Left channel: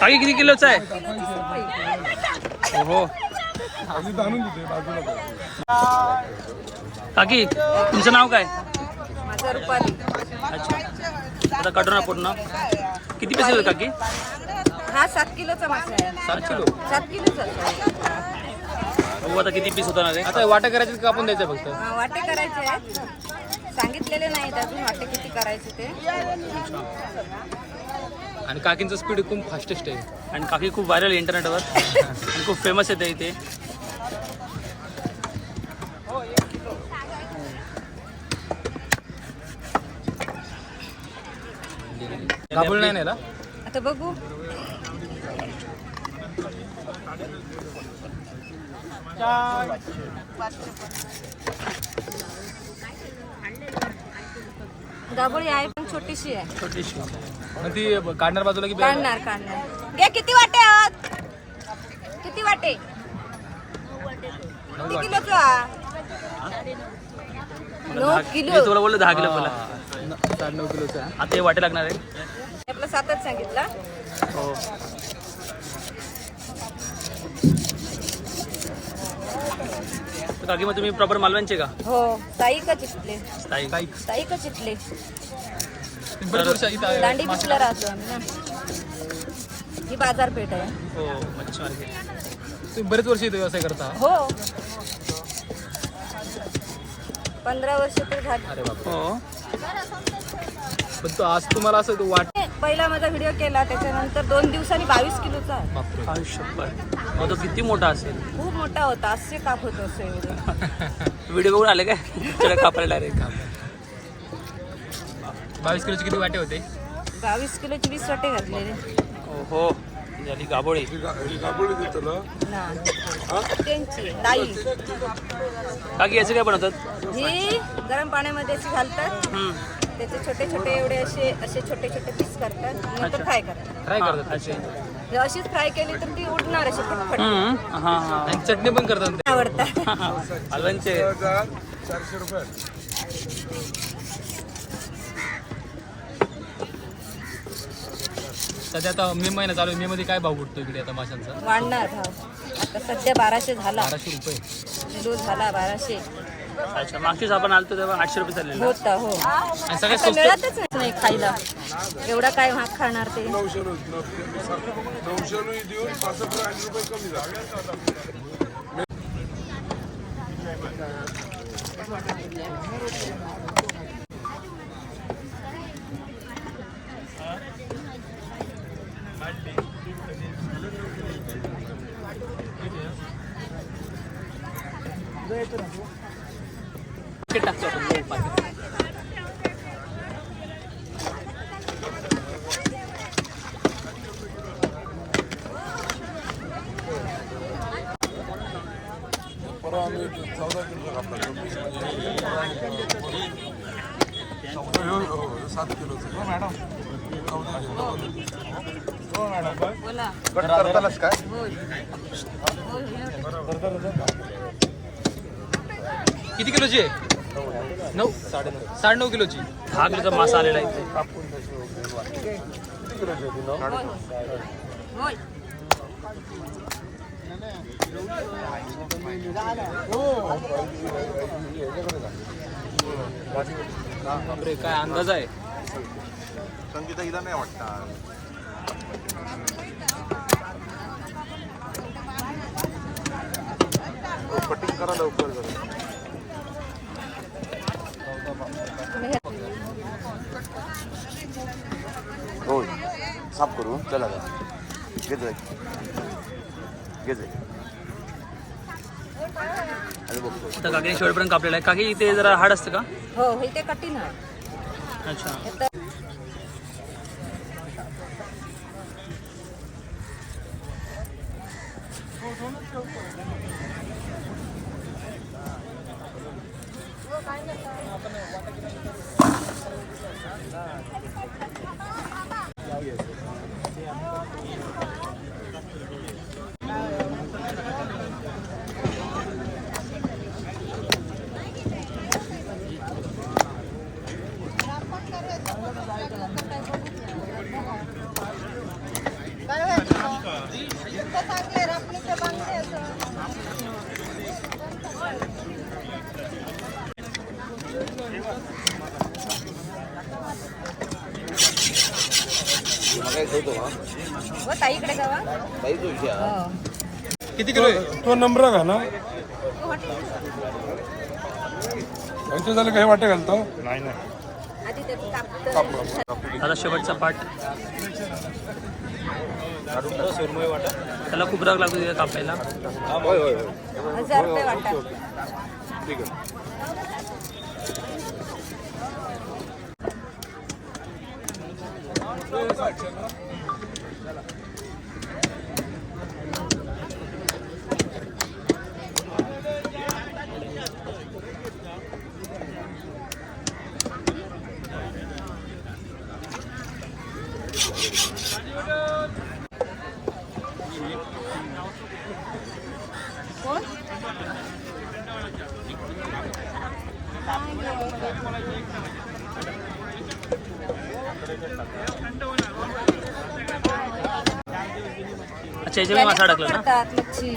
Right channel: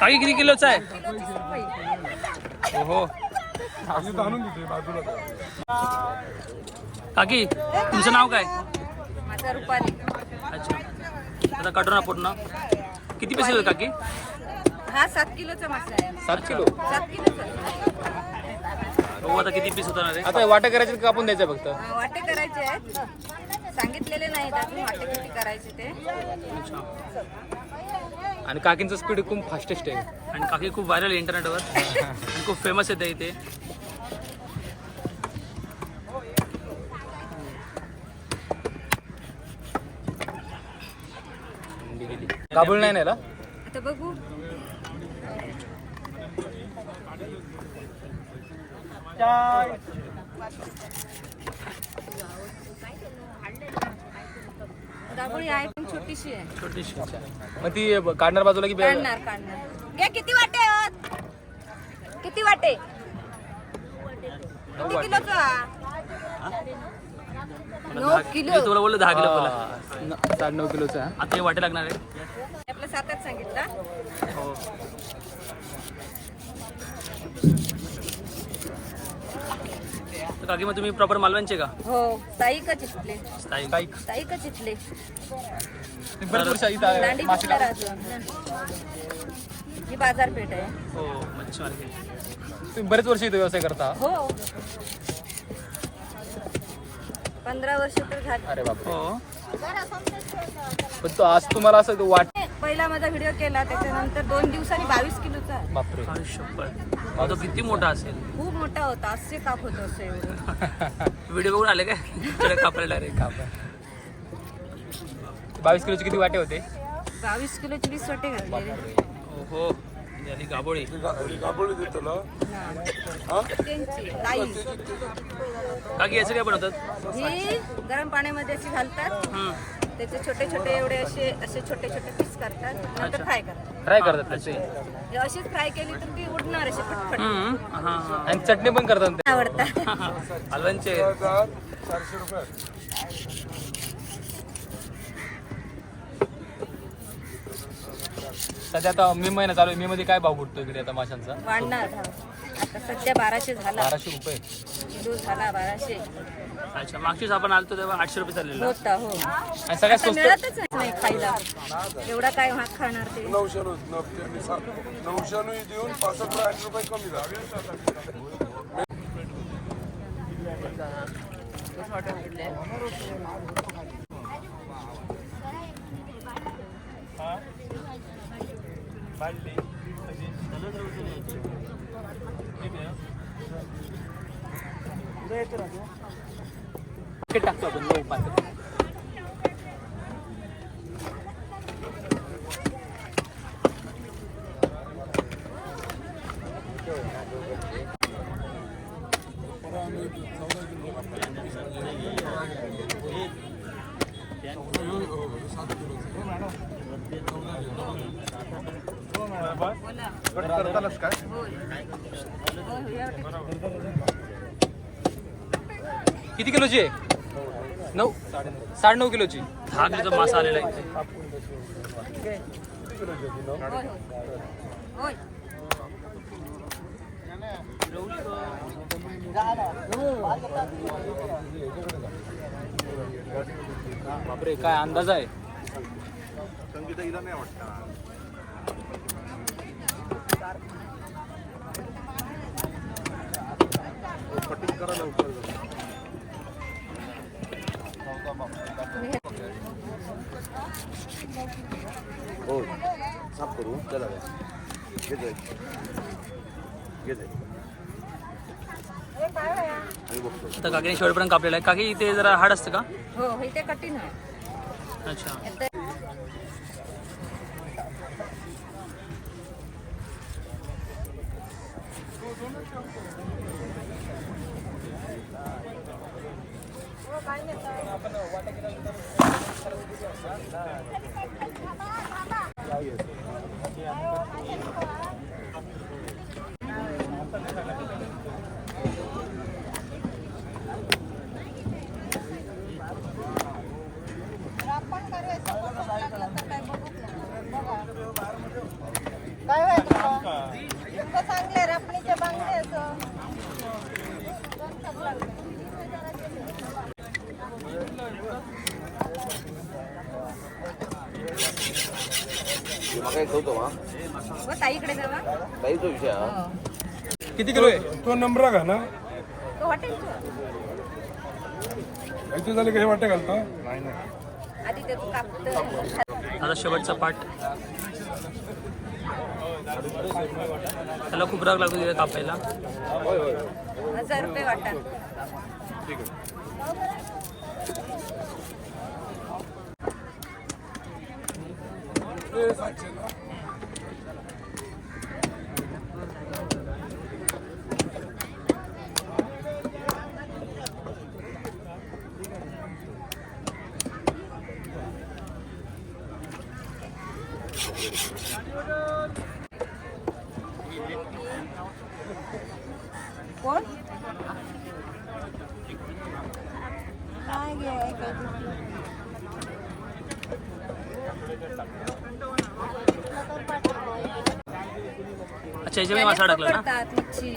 काकी किती किलोचा आहे? कर. काकी तुमचं नाव काय? माझा रुपाली. अच्छा. आता काढू ना पूर्ण. किती पैसे काकी? हा सात किलोचा मासा आहे. अच्छा. सात किलोचा. बघू आता किती पीस आता वाटा करायचे का आपण द्यायचं फक्त? हा, वाटे करायचे आहेत. सांगितलेले नाहीत अजून वाटे किती करायचे ते. अच्छा. आणि काकींचं स्पीड खूप फास्टेस्ट आहे. आणि काकी खूप व्हायरल आहे इंटरनेटवर आणि खूप फेमस आहे ते इथे. दाबूळ नाही ना आता बघू. दाबोळी आहे. छोटीशी आहे. छोटीशी. मग ती काढणार बाजूला की काढणार काढणार. घे किती वाटे आहोत? किती वाटे? किती किलोचं हा? मला नऊ दहा किलो. तुला बोललो दहा किलो बोला. साडे नऊ किलोचं आहे आता हे वाटे लागणार आहे. आपला सातच सांगितला. हो. तर काकी मग तुम्ही प्रॉपर मालवणचे का? हो ताई का चिटले? स्थायिक ताई का चिटले ती बरीच वर्ष इथं आहे. दांडी पिसला राहतो आम्ही ना. ही बाजारपेठ आहे. हो मच्छी मार्केट. तुम्ही बरेच वर्ष इथं व्यवसाय करता. हो. पंधरा वर्ष तर झाली. अरे बाप हो. पण तो आज तुम्हाला असं तो वाट पहिला माझा व्हिडिओ केला त्याच्यानंतर दोन दिवसांनी बावीस किलोचा आहे. बापरे. आयुष्यभर. मग तो किती मोठा असेल? खूप मोठा होता असे काप होतो असे एवढे. व्हिडिओ बघून आले काय? कापायला डायरेक्ट बावीस किलोचे किती वाटे होते? बावीस किलोची वीस वाटे घातलेले. हो झाली गाबोळी. गा- गाभोळी देतो ना. ना हा? त्यांची ताई. काकी याचं काय बनवतात? ही गरम पाण्यामध्ये अशी घालतात. त्याचे छोटे छोटे एवढे असे असे छोटे छोटे पीस करतात. नंतर. फ्राय करतात. ट्राय हा, करतात. हे अशीच फ्राय केली तर ती उडणार अशी पटपट. हम्म. हा हा आणि चटणी पण करतात आवडतात. हजार चारशे रुपये. सध्या आता मे महिना चालू आहे. मे मध्ये काय भाव बुटतो इकडे आता माशांचा? वाढणार भाव. आता सध्या बाराशे झाला. बाराशे रुपये. किलो झाला बाराशे. अच्छा मागचीच आपण आलतो तेव्हा आठशे रुपये चाललेला. होता हो. आणि सगळ्यात आता मिळतच नाही खायला. एवढा काय महाग खाणार ते? नऊशे नऊशे देऊन पासष्ट ऐंशी रुपये कमी झाले पाकिट टाकतो आपण लो पाकिट हो, हो, हो, करतानाच काय? किती किलोची आहे? नऊ? साडे नऊ साडे नऊ किलोची. दहा किलोचा मासा आलेला आहे इथे. बापरे काय अंदाज आहे? संगीता हिला नाही वाटतं कटिंग करा लवकर. साफ करू. चला का घे जाय. घे जाय. आणि बघतोय. आता काकीने शेवटपर्यंत कापलेला आहे. काकी इथे जरा हाड असतं का? हो इथे कठीण आहे अच्छा. ताईकडे जावा. हा. किती किलो आहे? तो नंबर घा ना? तो हॉटेल याच्या झालं काही वाटे घालतो? आधी त्याचं कापतं. आता शेवटचा पाठ. त्याला खूप राग लागतो कापायला. हजार रुपये वाटा. ते सातशे ना अच्छा याच्यामध्ये मासा टाकला ना? मच्छी.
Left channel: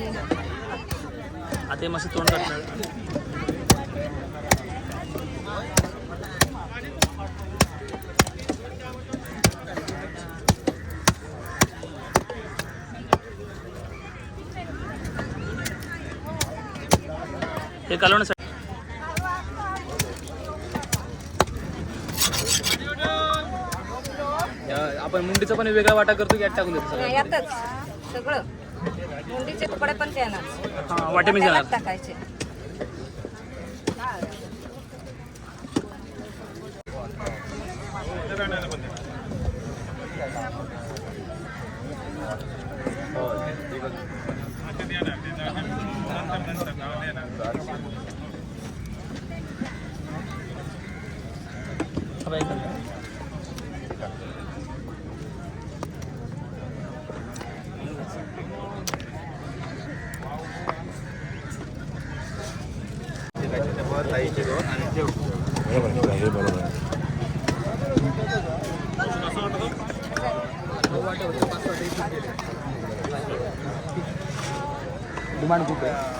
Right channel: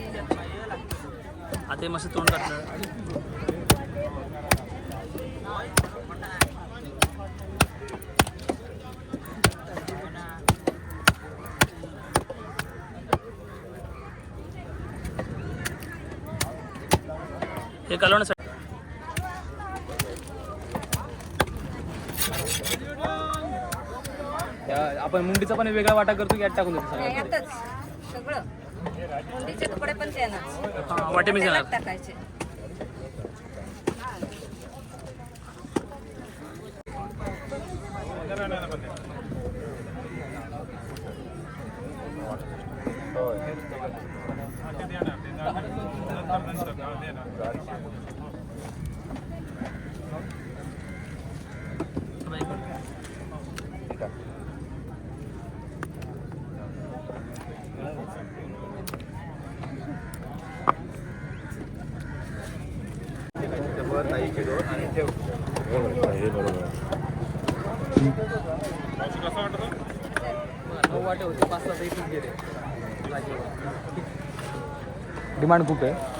आता हे मस्त तोंड काढणार हे कालवण्यासाठी आपण मुंडीचा पण वेगळा वाटा करतो की यात टाकून देतो सगळं? नाही, यातच. सगळं. मुंडीचे तुकडे पण त्यानंच हां वाटे मी त्यालाच घेणार टाकायचे. हा, डिमांड खूप आहे?